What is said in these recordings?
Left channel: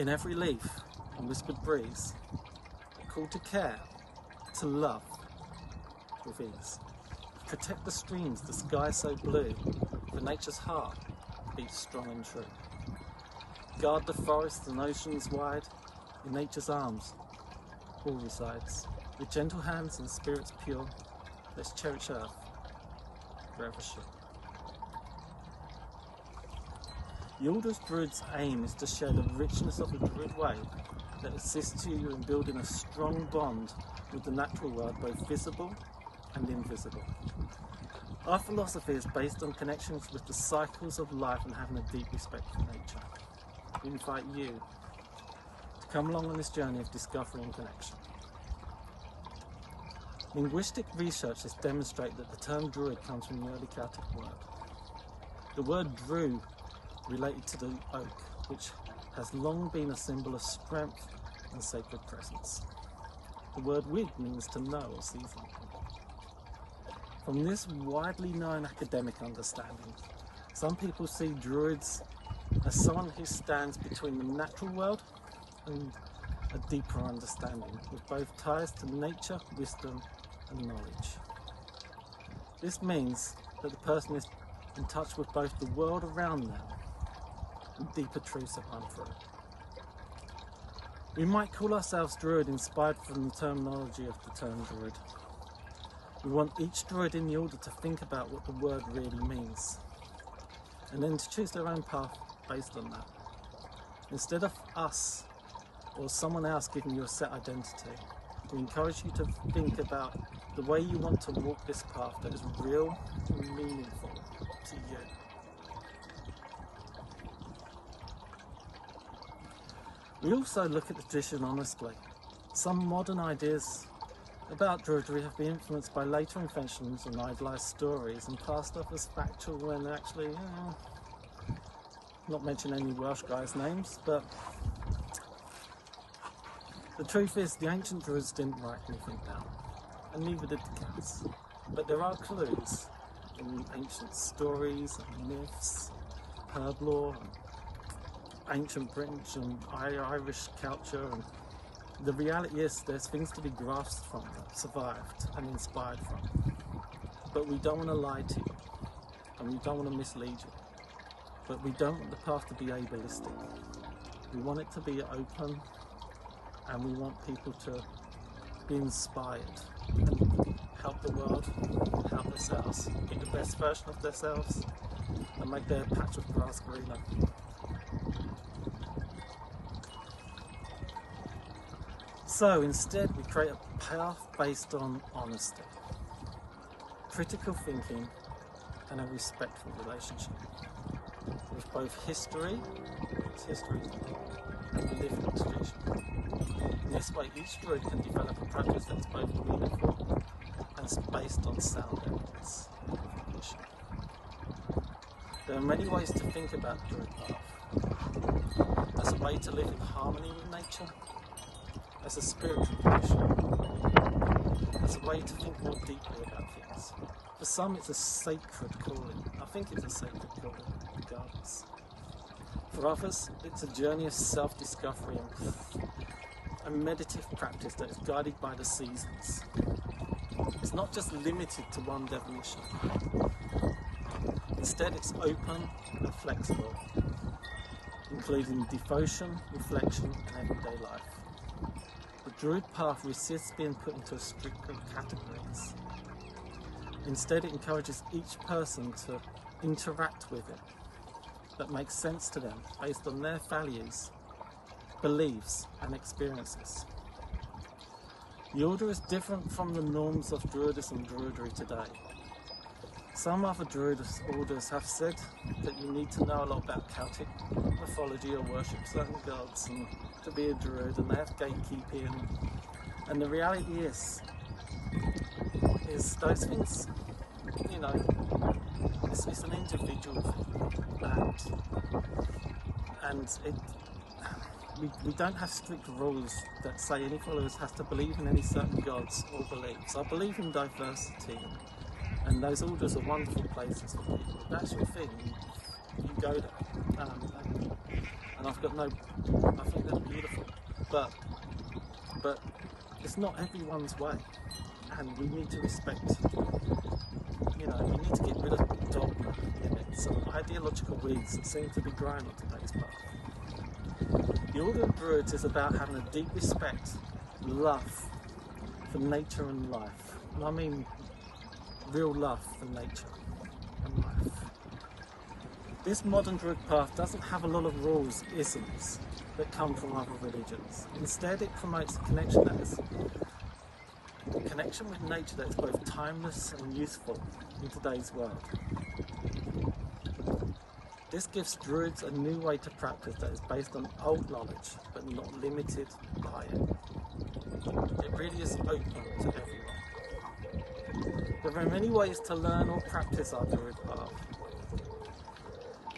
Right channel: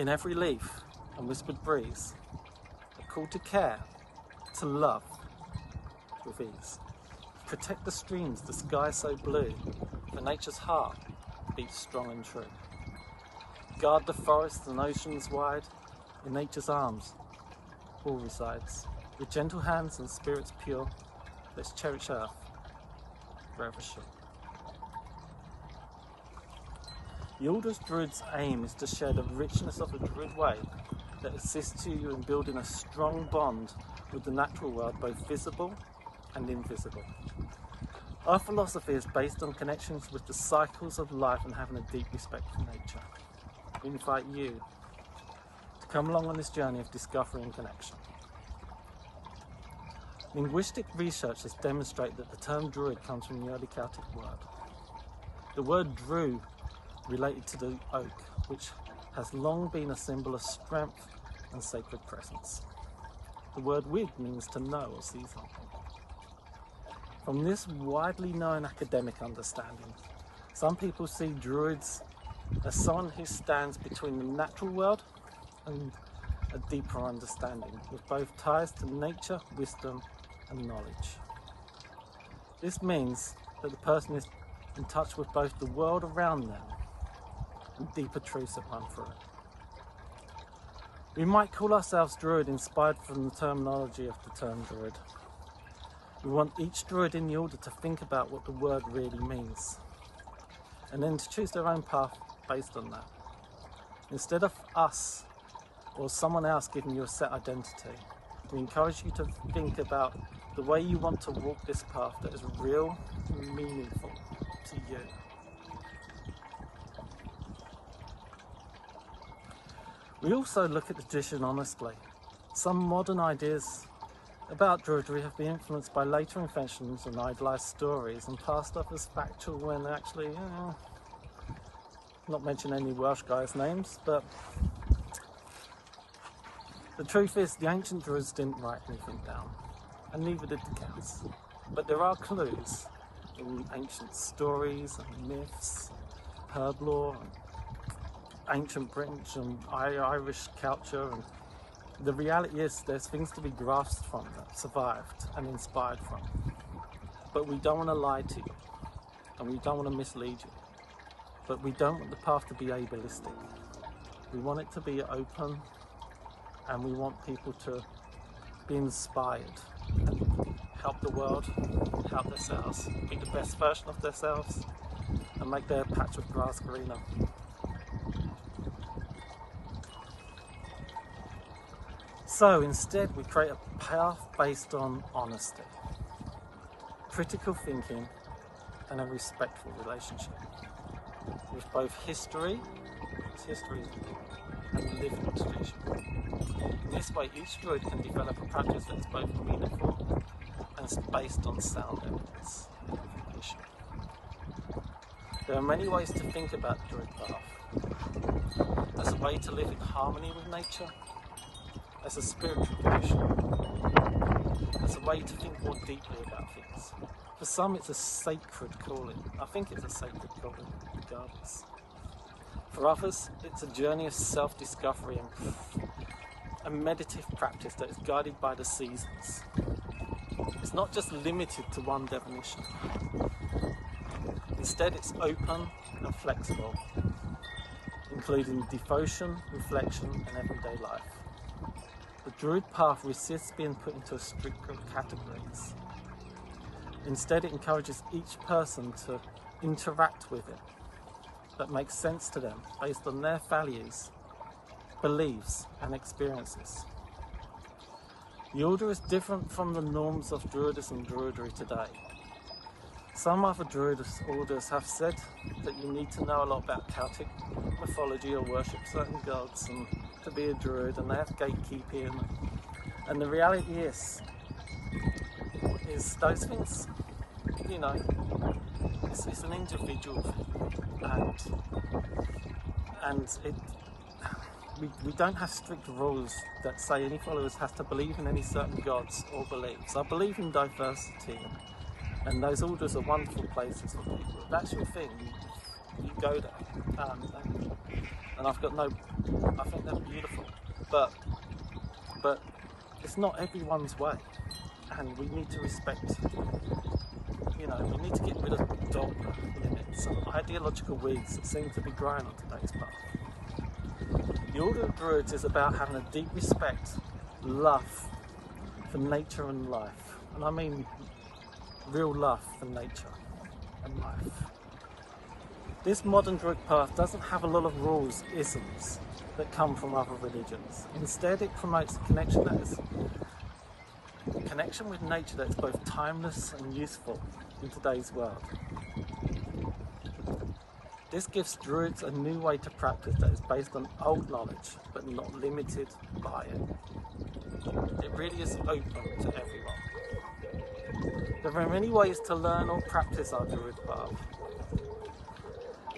In every leaf and whispered breeze, a call to care, to love with ease. Protect the streams, the sky so blue, for nature's heart beats strong and true. Guard the forests and oceans wide, in nature's arms all resides. With gentle hands and spirits pure, let's cherish earth forever sure. The Order of Druids' aim is to share the richness of the Druid way that assists you in building a strong bond with the natural world, both visible and invisible. Our philosophy is based on connections with the cycles of life and having a deep respect for nature. We invite you to come along on this journey of discovery and connection. Linguistic research has demonstrated that the term Druid comes from the early Celtic word. The word Dru related to the oak, which has long been a symbol of strength and sacred presence. The word Wig means to know or see something. From this widely known academic understanding, some people see Druids as someone who stands between the natural world and a deeper understanding, with both ties to nature, wisdom and knowledge. This means that the person is in touch with both the world around them and deeper truths that run through it. We might call ourselves Druid, inspired from the terminology of the term Druid. We want each Druid in the order to think about what the word really means, and then to choose their own path based on that. Instead of us or someone else giving you a set identity, we encourage you to think about the way you want to walk this path that is real and meaningful to you. We also look at the tradition honestly. Some modern ideas about Druidry have been influenced by later inventions and idolised stories and passed off as factual when actually, not mention any Welsh guys' names, but the truth is the ancient Druids didn't write anything down, and neither did the Celts. But there are clues in ancient stories and myths, herb lore, and ancient British and Irish culture, and the reality is there's things to be grasped from, that survived and inspired from. But we don't want to lie to you, and we don't want to mislead you, but we don't want the path to be ableistic. We want it to be open, and we want people to be inspired and help the world, help themselves, be the best version of themselves, and make their patch of grass greener. So instead we create a path based on honesty, critical thinking and a respectful relationship with both history, because history is important, and living tradition. In this way each Druid can develop a practice that's both meaningful and is based on sound evidence and information. There are many ways to think about the Druid path. As a way to live in harmony with nature, as a spiritual tradition, as a way to think more deeply about things. For some it's a sacred calling. I think it's a sacred calling regardless. For others it's a journey of self-discovery and a meditative practice that is guided by the seasons. It's not just limited to one definition. Instead it's open and flexible, including devotion, reflection and everyday life. The Druid path resists being put into strict categories. Instead, it encourages each person to interact with it that makes sense to them based on their values, beliefs, and experiences. The order is different from the norms of Druidism and Druidry today. Some other Druid orders have said that you need to know a lot about Celtic mythology or worship certain gods and to be a Druid, and they have gatekeeping, and the reality is those things, you know, it's an individual thing, and we don't have strict rules that say any followers has to believe in any certain gods or beliefs. I believe in diversity, and those orders are wonderful places for people. If that's your thing, you go there. And and I think they're beautiful, but it's not everyone's way, and we need to respect, we need to get rid of dogma, limits and ideological weeds that seem to be growing on today's path. The Order of Druids is about having a deep respect, love for nature and life, and I mean real love for nature and life. This modern Druidic path doesn't have a lot of rules, isms that come from other religions. Instead, it promotes a connection with nature that is both timeless and useful in today's world. This gives Druids a new way to practice that is based on old knowledge, but not limited by it. It really is open to everyone. There are many ways to learn or practice our Druid path.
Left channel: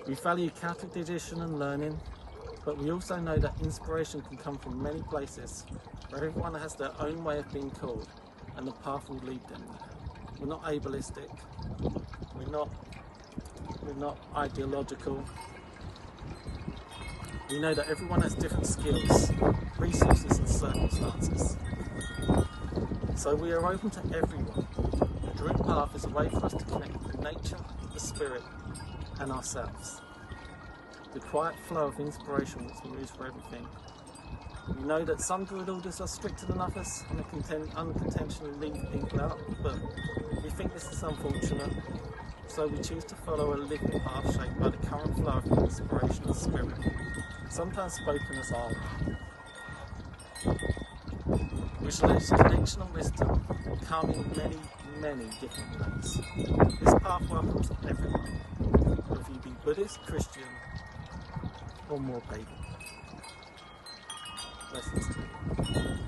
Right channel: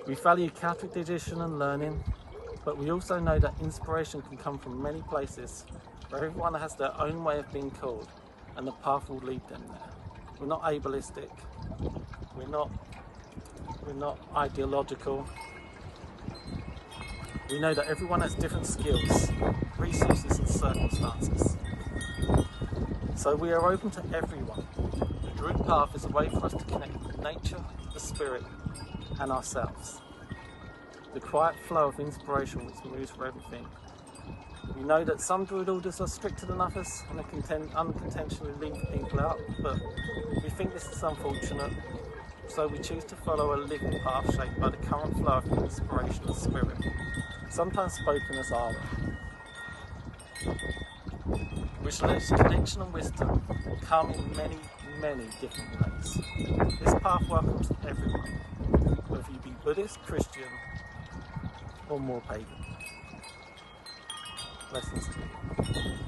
We value Celtic tradition and learning, but we also know that inspiration can come from many places where everyone has their own way of being called, and the path will lead them there. We're not ableistic, we're not ideological. We know that everyone has different skills, resources and circumstances. So we are open to everyone. The Druid path is a way for us to connect with nature, the spirit and ourselves. The quiet flow of inspiration which moves for everything. We know that some Druid orders are stricter than others and they unintentionally leave people out, but we think this is unfortunate, so we choose to follow a living path shaped by the current flow of inspiration and spirit, sometimes spoken as Awa, which lets connection and wisdom come in many, many different ways. This path welcomes everyone, whether you be Buddhist, Christian, or more pagan. Blessings to you.